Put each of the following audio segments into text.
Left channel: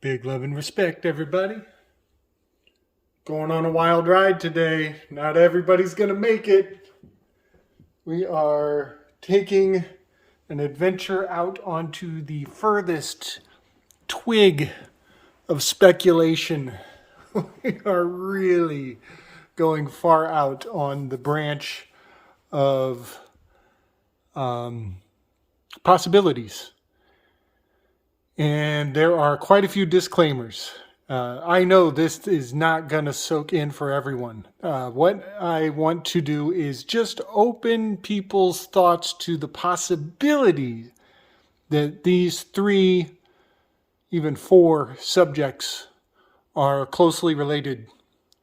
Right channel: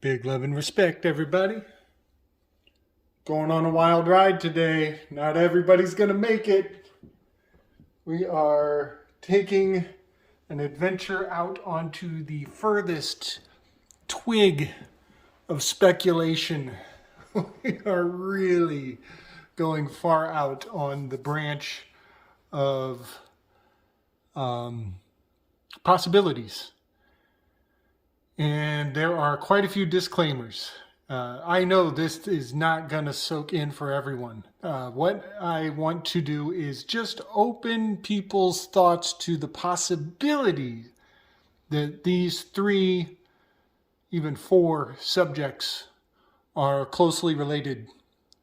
Big love and respect, everybody. Going on a wild ride today. Not everybody's going to make it. We are taking an adventure out onto the furthest twig of speculation. We are really going far out on the branch of possibilities. And there are quite a few disclaimers. I know this is not going to soak in for everyone. What I want to do is just open people's thoughts to the possibility that these 3, even 4 subjects are closely related,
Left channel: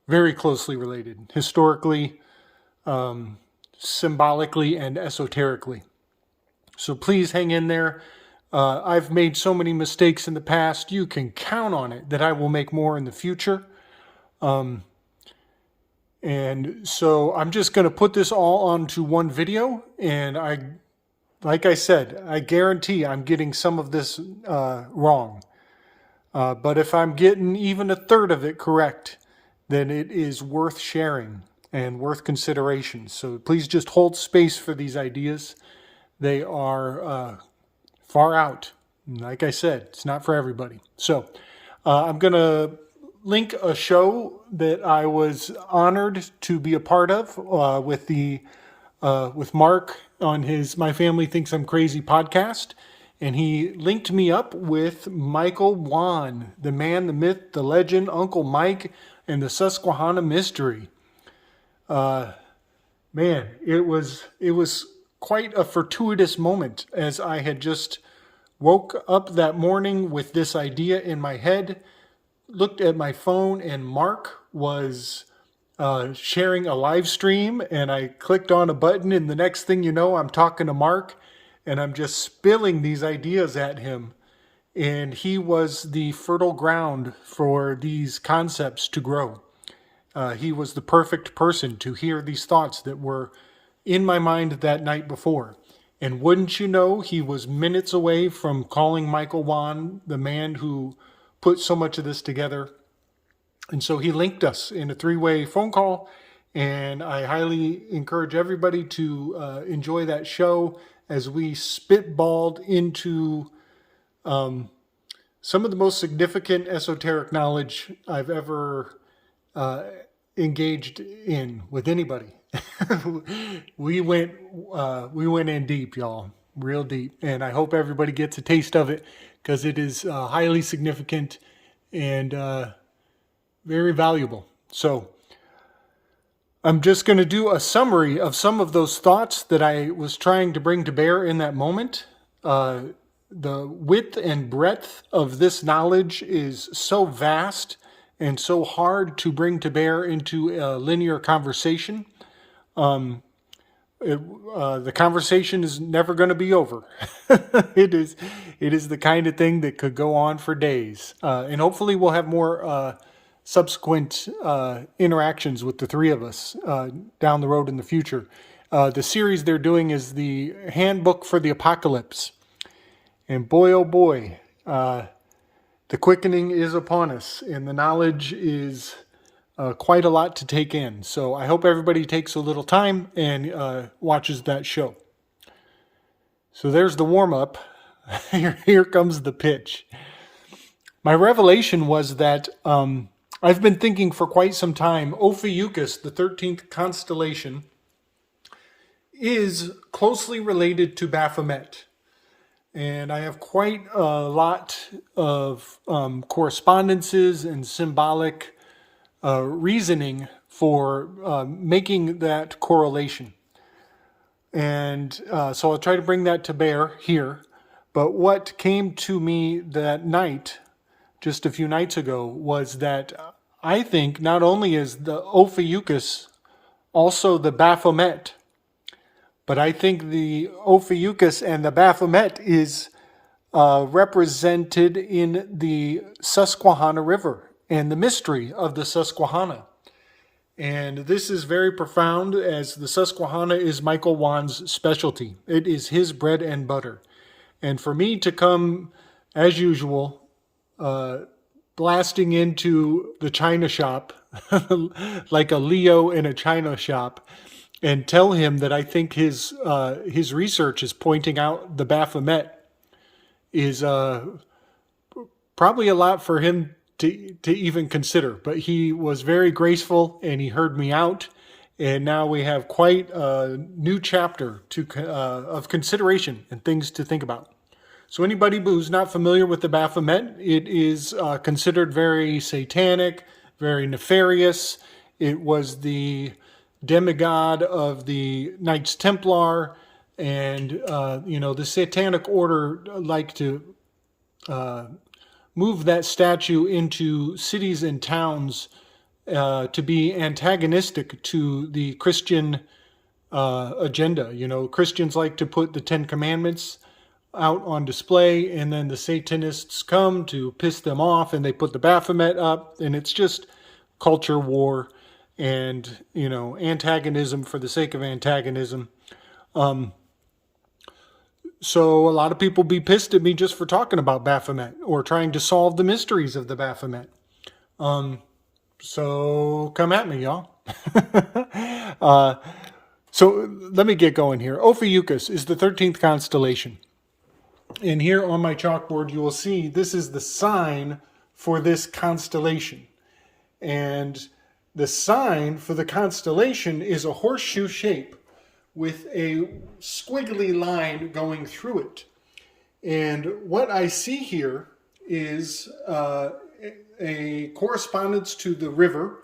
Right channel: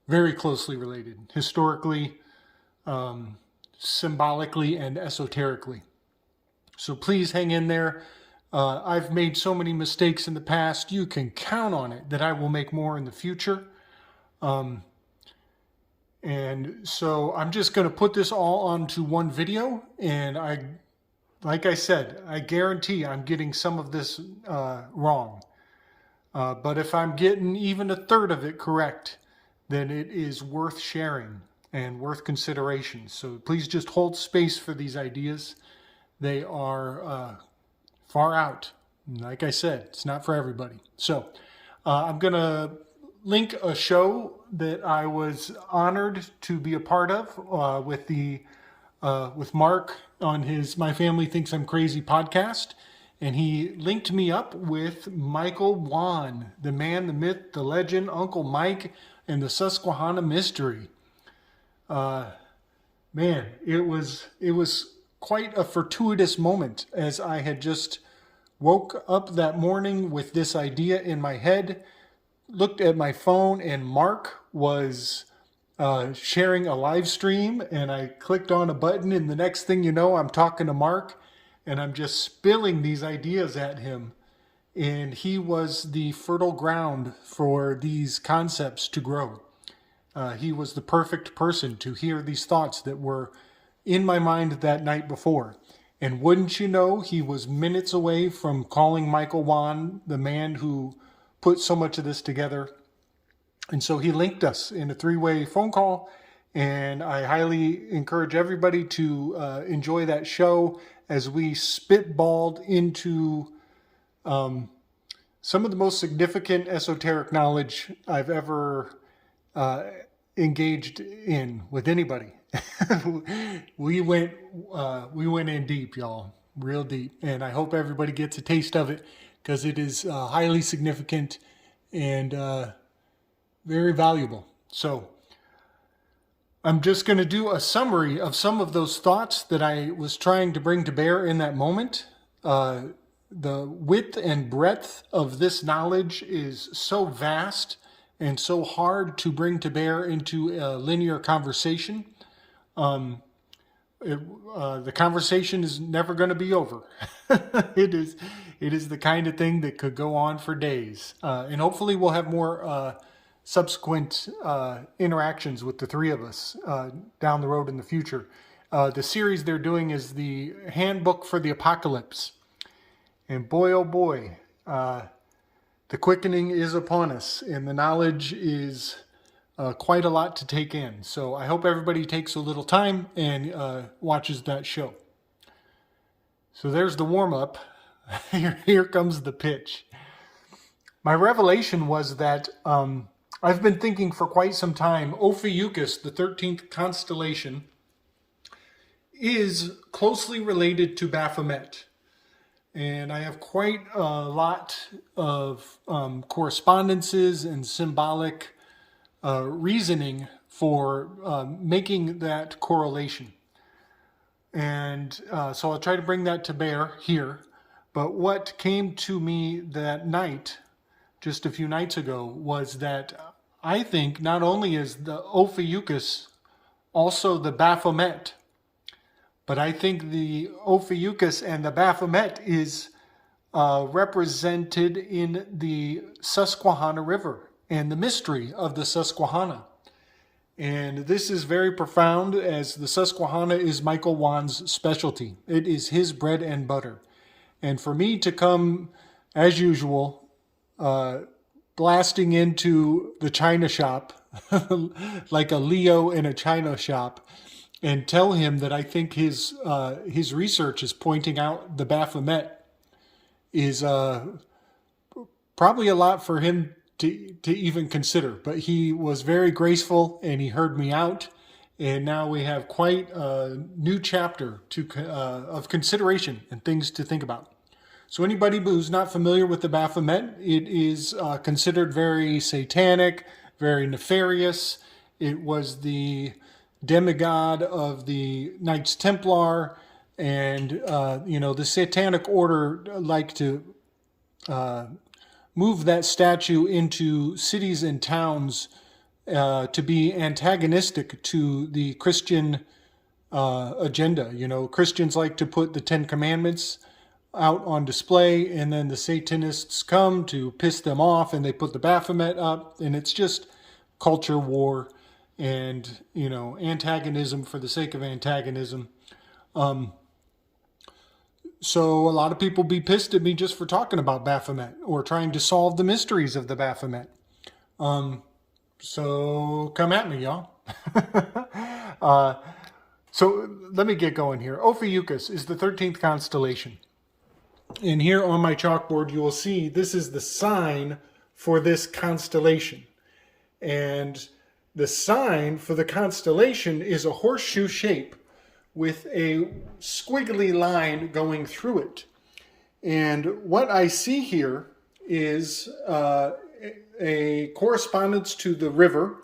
very closely related, historically, symbolically, and esoterically. So please hang in there. I've made so many mistakes in the past. You can count on it that I will make more in the future. And so I'm just going to put this all onto one video. And like I said, I guarantee I'm getting some of this wrong. But if I'm getting even a third of it correct, then it is worth sharing and worth consideration. So please just hold space for these ideas. They are far out. Like I said, it's not for everybody. So I'm going to link a show that I was honored to be a part of with Mark on his My Family Thinks I'm Crazy podcast. And he linked me up with Michael Wann, the man, the myth, the legend, Uncle Mike, and the Susquehanna mystery. Man, it was quite a fortuitous moment, as I had just woke up that morning with this idea in my head, looked at my phone, and Mark was sharing a live stream, and I clicked on a button, and the next thing you know, I'm talking to Mark, and I'm just spilling these ideas at him. And he was the fertile ground for these concepts to grow. He was the perfect person to hear these thoughts that were in my mind that night before. And wouldn't you know, he was minutes away from calling Michael Wann, the man who put so much of this together. And so he linked us in a 3-way phone call. And I highly encourage everybody to enjoy that show as we spitballed into some of the most significant esoteric knowledge I've ever engaged in with anybody. We went in deep, y'all, real deep, and I hope everybody gets a taste of it because it is highly significant and very valuable. So I'm just going to do a summary of some of those thoughts that I was trying to bring to bear in that moment. The width and breadth of this knowledge is so vast and so hard to bring to bear into a linear conversation. The conversation is never going to be over. It is the kind of thing that could go on for days. And hopefully we'll have more subsequent interactions with the 3 of us down the road in the future. The series they're doing is the Handbook for the Apocalypse. And boy, oh boy, the quickening is upon us, and the knowledge is quite a lot to take in. So I hope everybody takes a little time and watches that show. So there's the warm-up. Here comes the pitch. My revelation was that I've been thinking for quite some time, Ophiuchus, the 13th constellation, is closely related to Baphomet. And I have quite a lot of correspondences and symbolic reasoning for making that correlation. And so I'll try to bring that to bear here. But what came to me that night, just a few nights ago, was that I think not only is the Ophiuchus also the Baphomet, but I think the Ophiuchus and the Baphomet is represented in the Susquehanna River and the mystery of the Susquehanna. And this is very profound, as the Susquehanna is Michael Wann's specialty. It is his bread and butter. And for me to come, as usual, blasting into the china shop like a Leo in a china shop and tell him that I think his research is pointing out the Baphomet is probably a lot for him to even consider. But he was very graceful and he heard me out. And now we have quite a new chapter of consideration and things to think about. So anybody who's not familiar with the Baphomet, it is considered very satanic, very nefarious. It was the demigod of the Knights Templar, and the Satanic Order like to move that statue into cities and towns to be antagonistic to the Christian agenda. Christians like to put the Ten Commandments out on display, and then the Satanists come to piss them off, and they put the Baphomet up, and it's just culture war and, antagonism for the sake of antagonism. So a lot of people be pissed at me just for talking about Baphomet or trying to solve the mysteries of the Baphomet. So come at me, y'all. So let me get going here. Ophiuchus is the 13th constellation. And here on my chalkboard, you will see this is the sign for this constellation. And the sign for the constellation is a horseshoe shape with a squiggly line going through it. And what I see here is a correspondence to the river.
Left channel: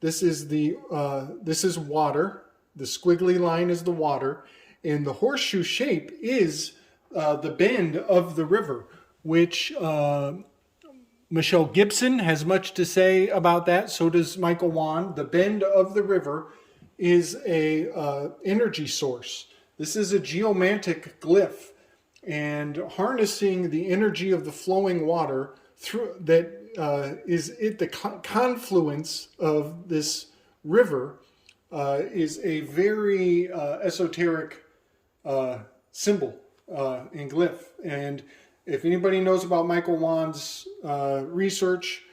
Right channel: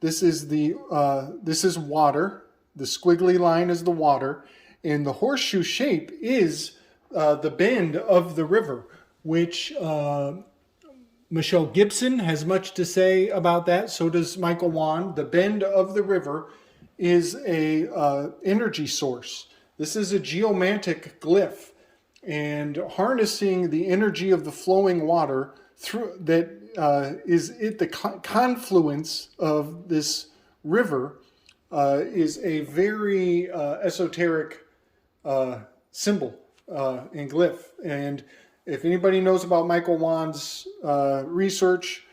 This is water. The squiggly line is the water, and the horseshoe shape is the bend of the river, which Michelle Gibson has much to say about that. So does Michael Wann. The bend of the river is a energy source. This is a geomantic glyph, and harnessing the energy of the flowing water through that is at the confluence of this river is a very esoteric symbol in glyph. And if anybody knows about Michael Wann's research,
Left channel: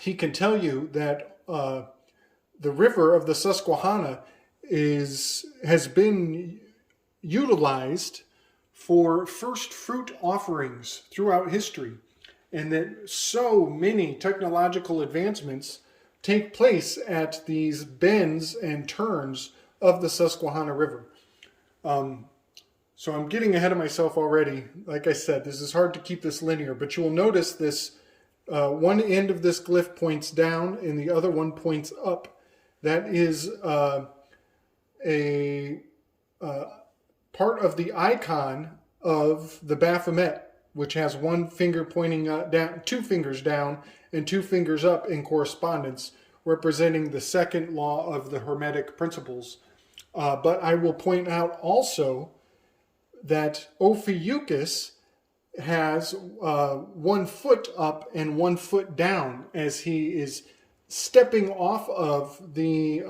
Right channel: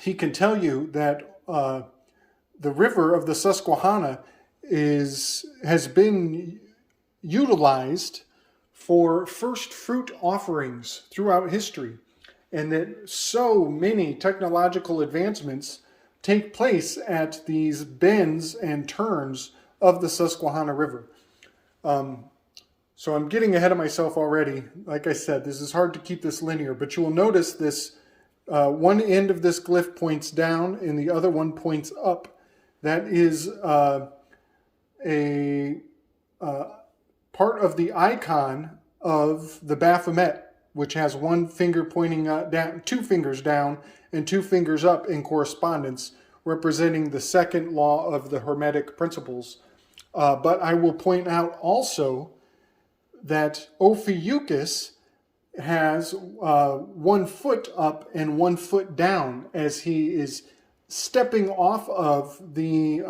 he can tell you that the river of the Susquehanna has been utilized for first fruit offerings throughout history, and that so many technological advancements take place at these bends and turns of the Susquehanna River. So I'm getting ahead of myself already. Like I said, this is hard to keep this linear, but you will notice this one end of this glyph points down and the other one points up. That is a part of the icon of the Baphomet, which has one finger pointing down, two fingers down, and two fingers up in correspondence, representing the second law of the Hermetic principles. But I will point out also that Ophiuchus has 1 foot up and 1 foot down as he is stepping off of the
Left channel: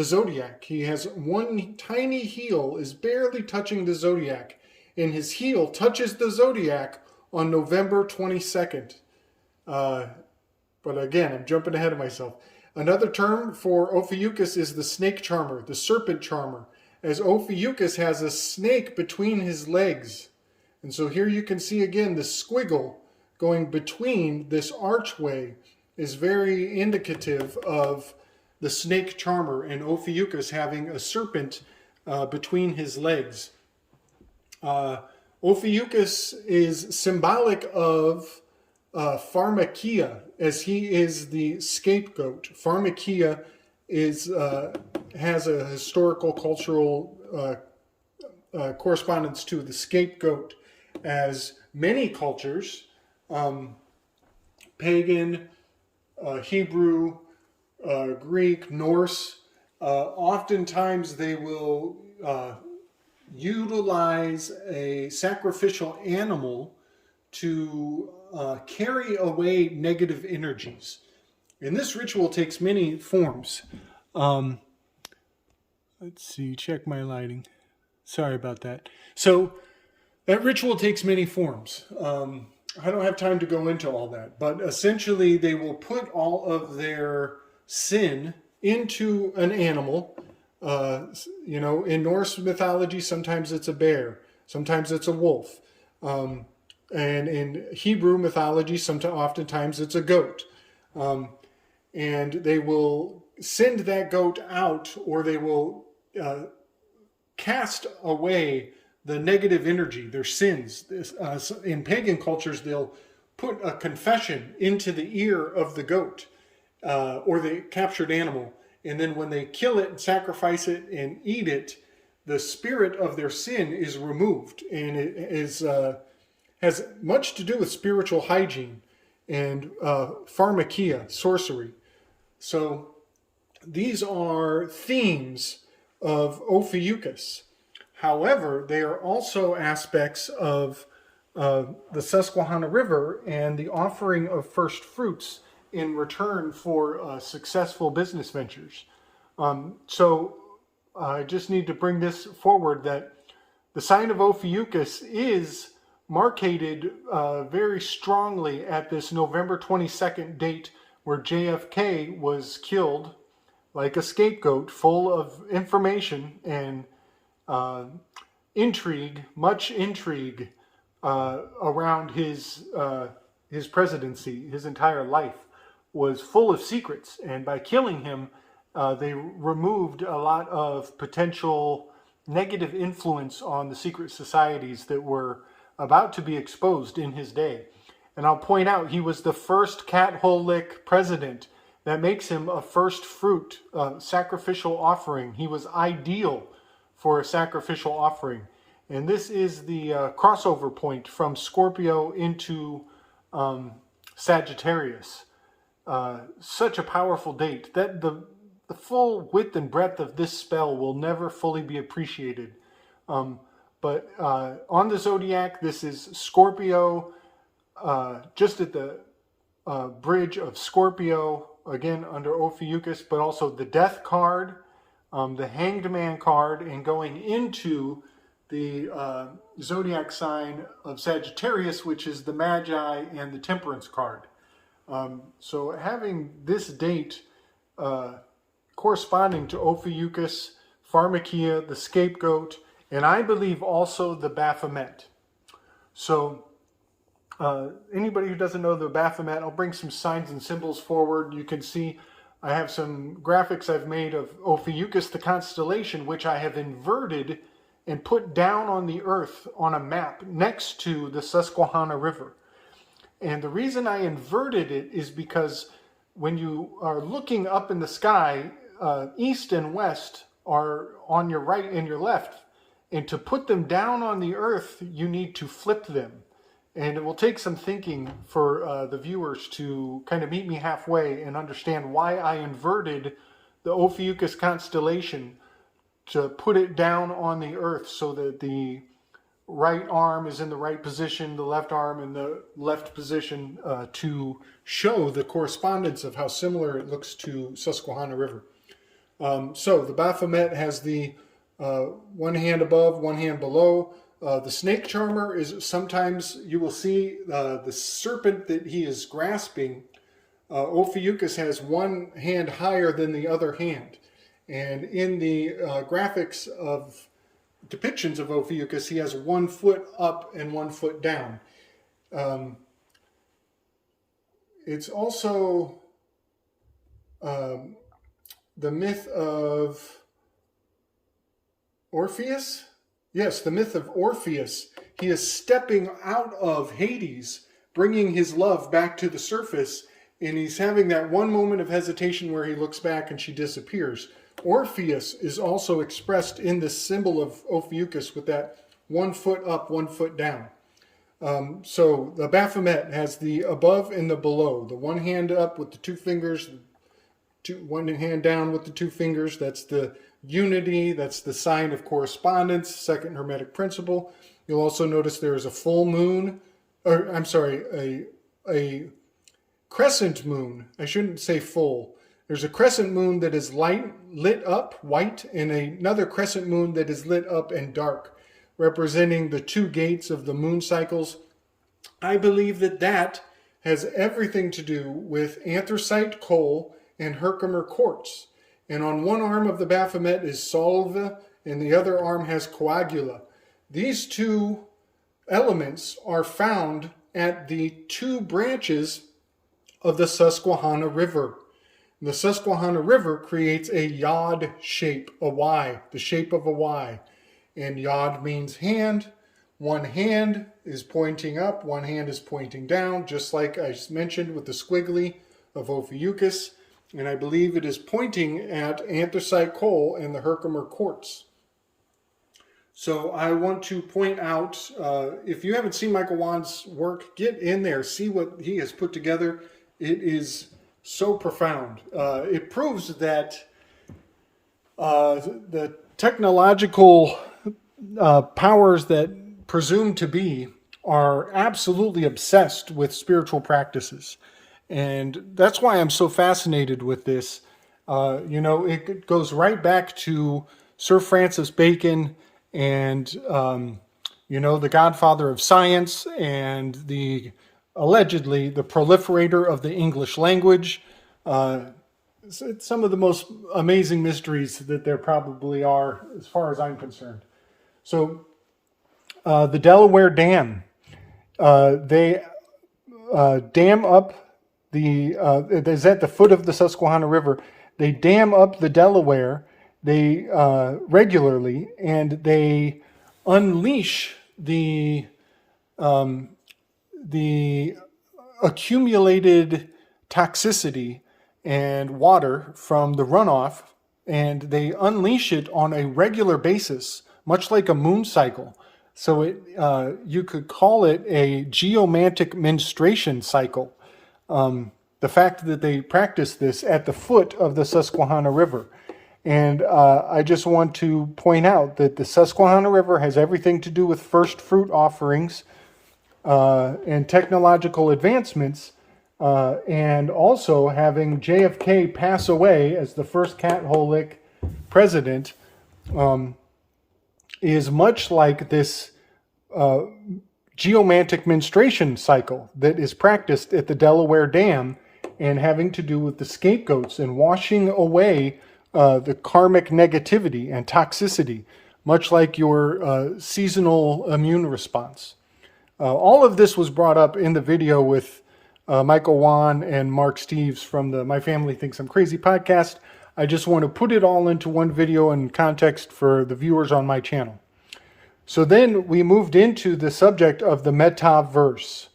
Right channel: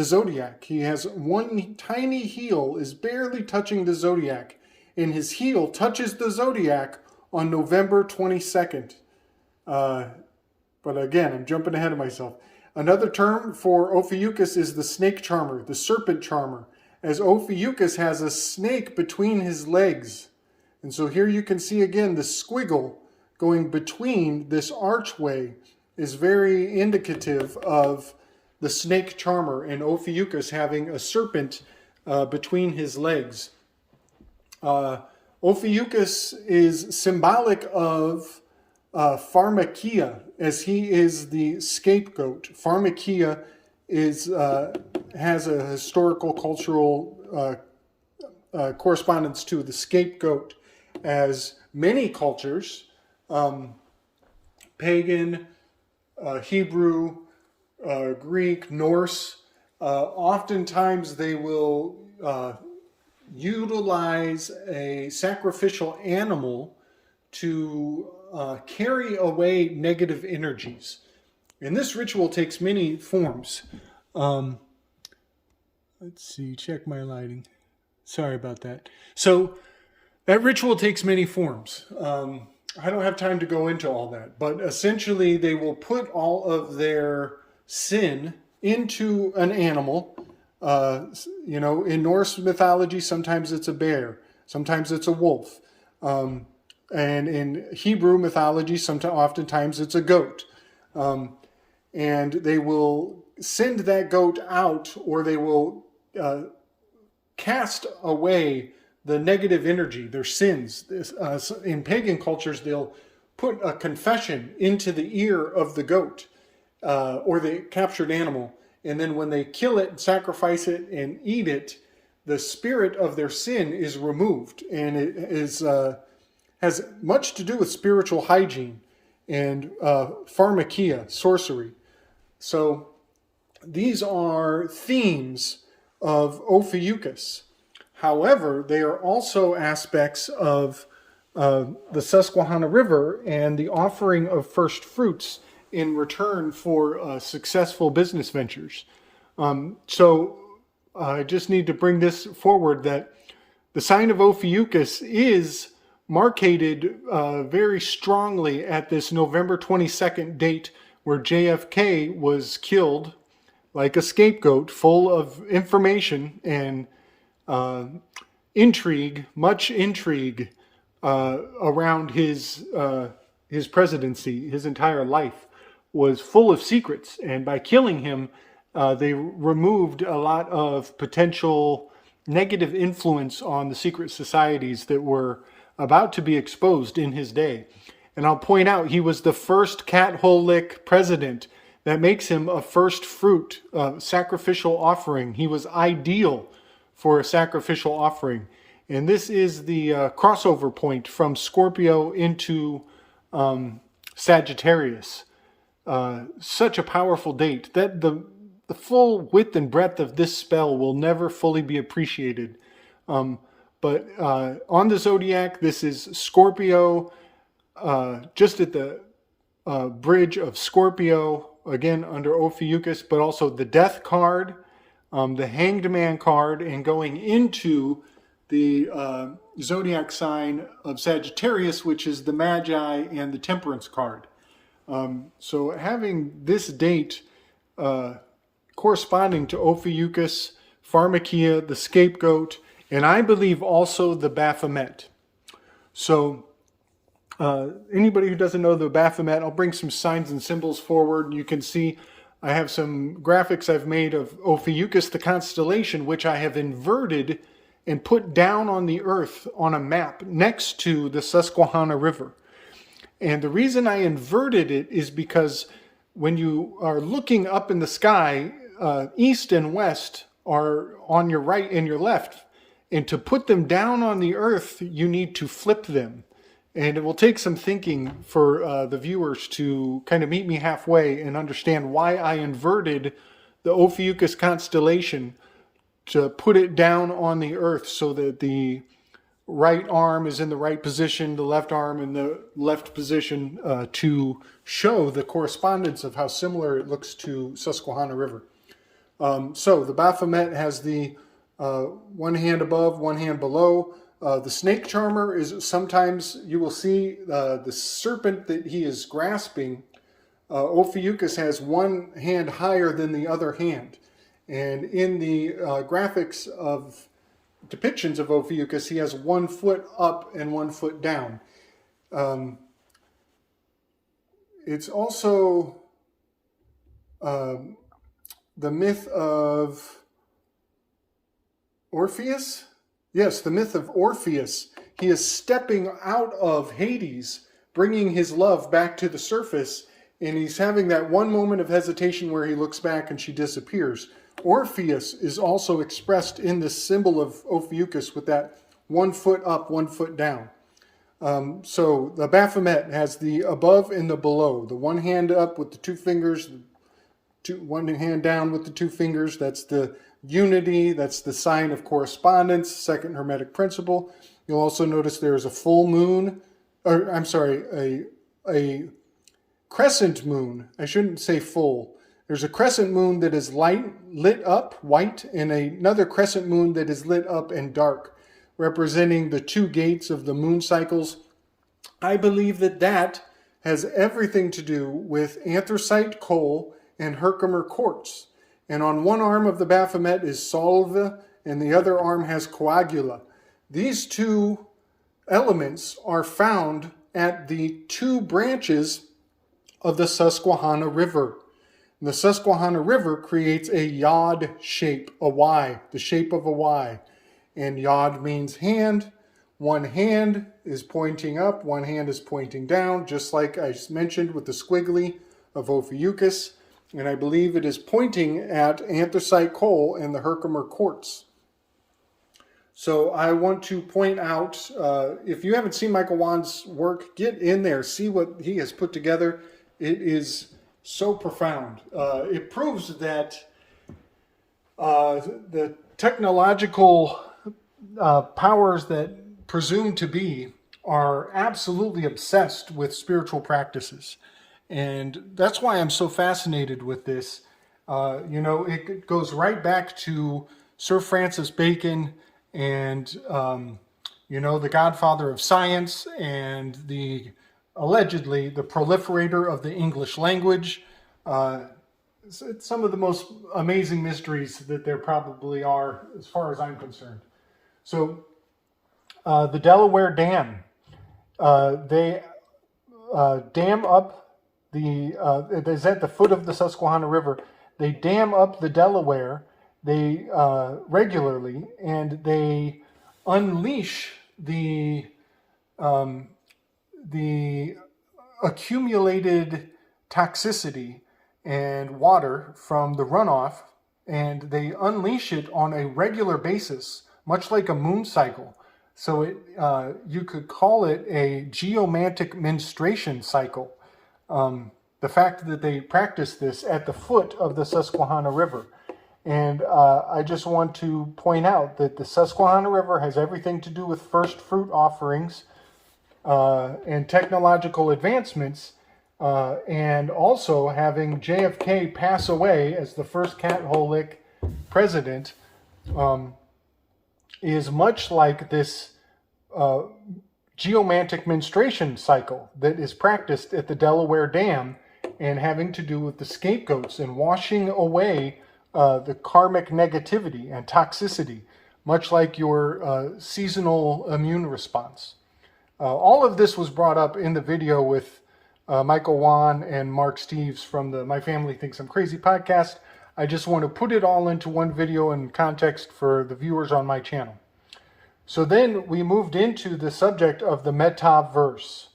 zodiac. He has one tiny heel is barely touching the zodiac, and his heel touches the zodiac on November 22nd. But again, I'm jumping ahead of myself. Another term for Ophiuchus is the snake charmer, the serpent charmer, as Ophiuchus has a snake between his legs. And so here you can see again the squiggle going between this archway is very indicative of the snake charmer and Ophiuchus having a serpent between his legs. Ophiuchus is symbolic of pharmakia, as he is the scapegoat. Pharmakia has a historical, cultural correspondence to the scapegoat, as many cultures, pagan, Hebrew, Greek, Norse, oftentimes they will utilize a sacrificial animal to carry away negative energies. And this ritual takes many forms. Let's see, check my lighting. Sorry about that. So that ritual takes many forms. I don't have time to go into all that, but essentially they will put all of their sin into an animal. In Norse mythology, sometimes it's a bear, sometimes it's a wolf. And in Hebrew mythology, oftentimes it's a goat. And they will send that goat out, or they will cast away the negative energy, their sins. In pagan cultures, they'll put a confession into the ear of the goat or the captured animal. And then when they kill it, sacrifice it, and eat it, the spirit of their sin is removed. And it has much to do with spiritual hygiene and pharmakia, sorcery. So these are themes of Ophiuchus. However, they are also aspects of the Susquehanna River and the offering of first fruits in return for successful business ventures. So I just need to bring this forward, that the sign of Ophiuchus is marcated very strongly at this November 22nd date where JFK was killed like a scapegoat, full of information and much intrigue around his presidency. His entire life was full of secrets, and by killing him, they removed a lot of potential negative influence on the secret societies that were about to be exposed in his day. And I'll point out, he was the first cat-hole lick president. That makes him a first fruit sacrificial offering. He was ideal for a sacrificial offering. And this is the crossover point from Scorpio into Sagittarius. Such a powerful date that the full width and breadth of this spell will never fully be appreciated. But on the zodiac, this is Scorpio, just at the bridge of Scorpio, again under Ophiuchus, but also the Death card, the Hanged Man card, and going into the zodiac sign of Sagittarius, which is the Magi and the Temperance card. So having this date corresponding to Ophiuchus, Pharmakia, the Scapegoat, and I believe also the Baphomet. So anybody who doesn't know the Baphomet, I'll bring some signs and symbols forward. You can see I have some graphics I've made of Ophiuchus, the constellation, which I have inverted and put down on the earth on a map next to the Susquehanna River. And the reason I inverted it is because when you are looking up in the sky, east and west are on your right and your left. And to put them down on the earth, you need to flip them. And it will take some thinking for the viewers to kind of meet me halfway and understand why I inverted the Ophiuchus constellation to put it down on the earth so that the right arm is in the right position, the left arm in the left position, to show the correspondence of how similar it looks to Susquehanna River. So the Baphomet has the one hand above, one hand below. The snake charmer is, sometimes you will see the serpent that he is grasping. Ophiuchus has one hand higher than the other hand. And in the graphics of depictions of Ophiuchus, he has 1 foot up and 1 foot down. It's also the myth of Orpheus. Yes, the myth of Orpheus. He is stepping out of Hades, bringing his love back to the surface, and he's having that one moment of hesitation where he looks back and she disappears. Orpheus is also expressed in the symbol of Ophiuchus with that 1 foot up, 1 foot down. So the Baphomet has the above and the below. The one hand up with the 2 fingers, one hand down with the 2 fingers. That's the unity. That's the sign of correspondence, second Hermetic principle. You'll also notice there is a full moon, or I'm sorry, a crescent moon. I shouldn't say full. There's a crescent moon that is lit up, white, and another crescent moon that is lit up and dark, representing the 2 gates of the moon cycles. I believe that that has everything to do with anthracite coal and Herkimer quartz. And on one arm of the Baphomet is salve, and the other arm has coagula. These two elements are found at the two branches of the Susquehanna River. The Susquehanna River creates a yod shape, a Y, the shape of a Y. And yod means hand. One hand is pointing up, one hand is pointing down, just like I mentioned with the squiggly of Ophiuchus. And I believe it is pointing at anthracite coal and the Herkimer quartz. So I want to point out, if you haven't seen Michael Wann's work, get in there, see what he has put together. It is so profound. It proves that the technological powers that presume to be are absolutely obsessed with spiritual practices. And that's why I'm so fascinated with this. It goes right back to Sir Francis Bacon and, the godfather of science and allegedly the proliferator of the English language. It's some of the most amazing mysteries that there probably are, as far as I'm concerned. So, the Delaware Dam, they dam up it is at the foot of the Susquehanna River. They dam up the Delaware regularly, and they unleash the accumulated toxicity and water from the runoff, and they unleash it on a regular basis, much like a moon cycle. So you could call it a geomantic menstruation cycle. The fact that they practice this at the foot of the Susquehanna River. And I just want to point out that the Susquehanna River has everything to do with first fruit offerings and technological advancements, and also having JFK pass away as the first Catholic president is much like this geomantic menstruation cycle that is practiced at the Delaware Dam, and having to do with the scapegoats and washing away the karmic negativity and toxicity, much like your seasonal immune response. All of this was brought up in the video with Michael Wann and Mark Steves from the My Family Thinks I'm Crazy podcast. I just want to put it all into one video in context for the viewers on my channel. So then we moved into the subject of the Metaverse.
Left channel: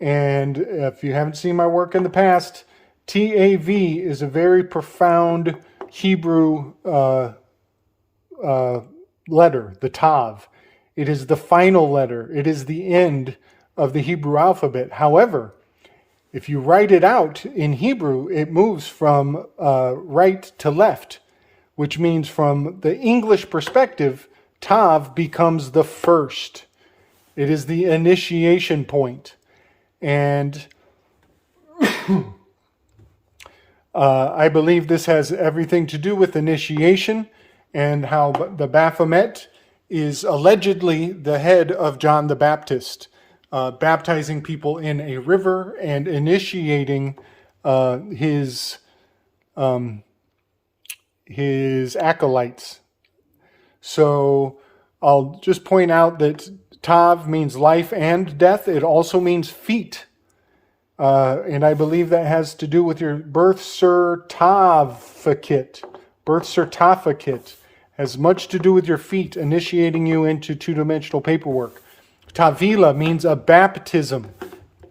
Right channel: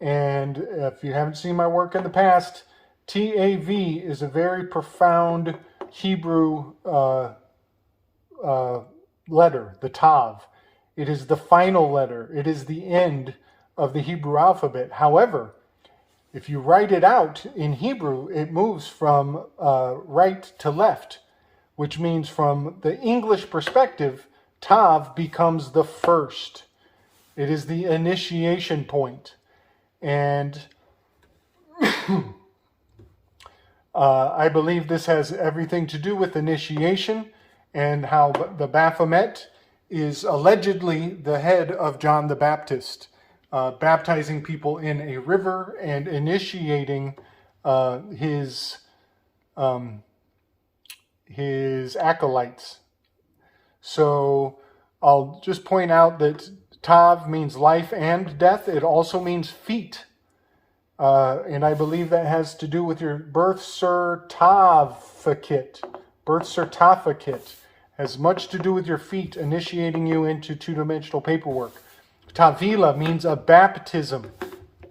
And if you haven't seen my work in the past, TAV is a very profound Hebrew letter, the Tav. It is the final letter. It is the end of the Hebrew alphabet. However, if you write it out in Hebrew, it moves from right to left, which means from the English perspective, Tav becomes the first. It is the initiation point. And I believe this has everything to do with initiation and how the Baphomet is allegedly the head of John the Baptist, baptizing people in a river and initiating his acolytes. So I'll just point out that Tav means life and death. It also means feet. And I believe that has to do with your birth certificate. Birth certificate has much to do with your feet, initiating you into two-dimensional paperwork. Tavila means a baptism,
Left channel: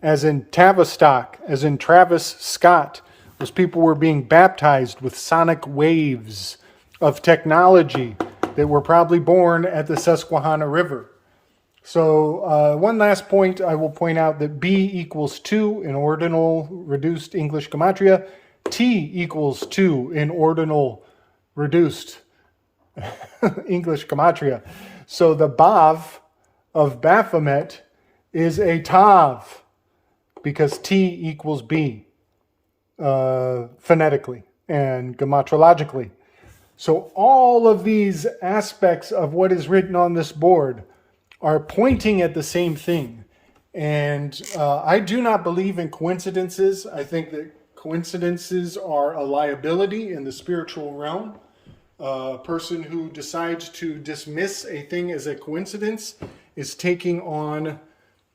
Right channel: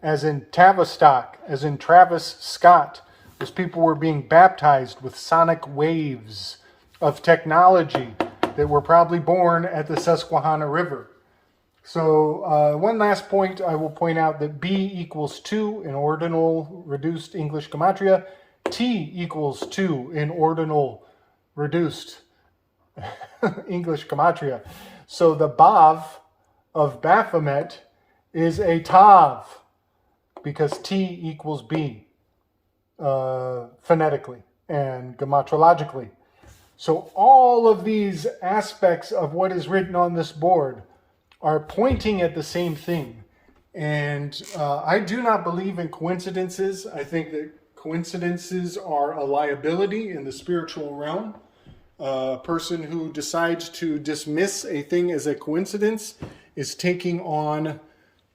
as in Tavistock, as in Travis Scott. Those people were being baptized with sonic waves of technology that were probably born at the Susquehanna River. So one last point, I will point out that B equals 2 in ordinal reduced English gematria. T equals 2 in ordinal reduced English gematria. So the Bav of Baphomet is a Tav because T equals B phonetically and gematrologically. So all of these aspects of what is written on this board are pointing at the same thing. And I do not believe in coincidences. I think that coincidences are a liability in the spiritual realm. A person who decides to dismiss a thing as a coincidence is taking on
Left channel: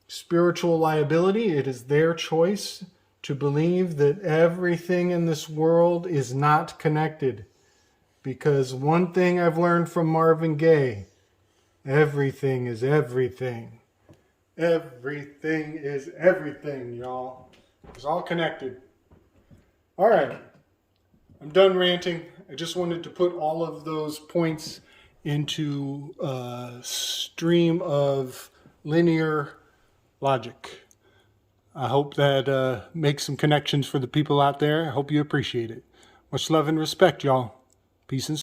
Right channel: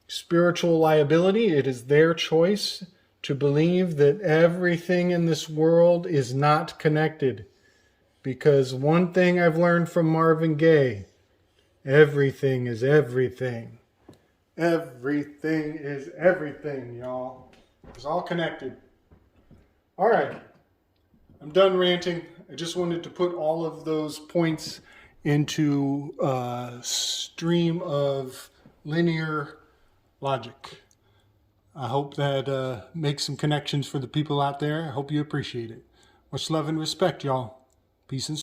spiritual liability. It is their choice to believe that everything in this world is not connected. Because one thing I've learned from Marvin Gaye, everything is everything. Everything is everything, y'all. It's all connected. All right. I'm done ranting. I just wanted to put all of those points into a stream of linear logic. I hope that makes some connections for the people out there. I hope you appreciate it. Much love and respect, y'all. Peace and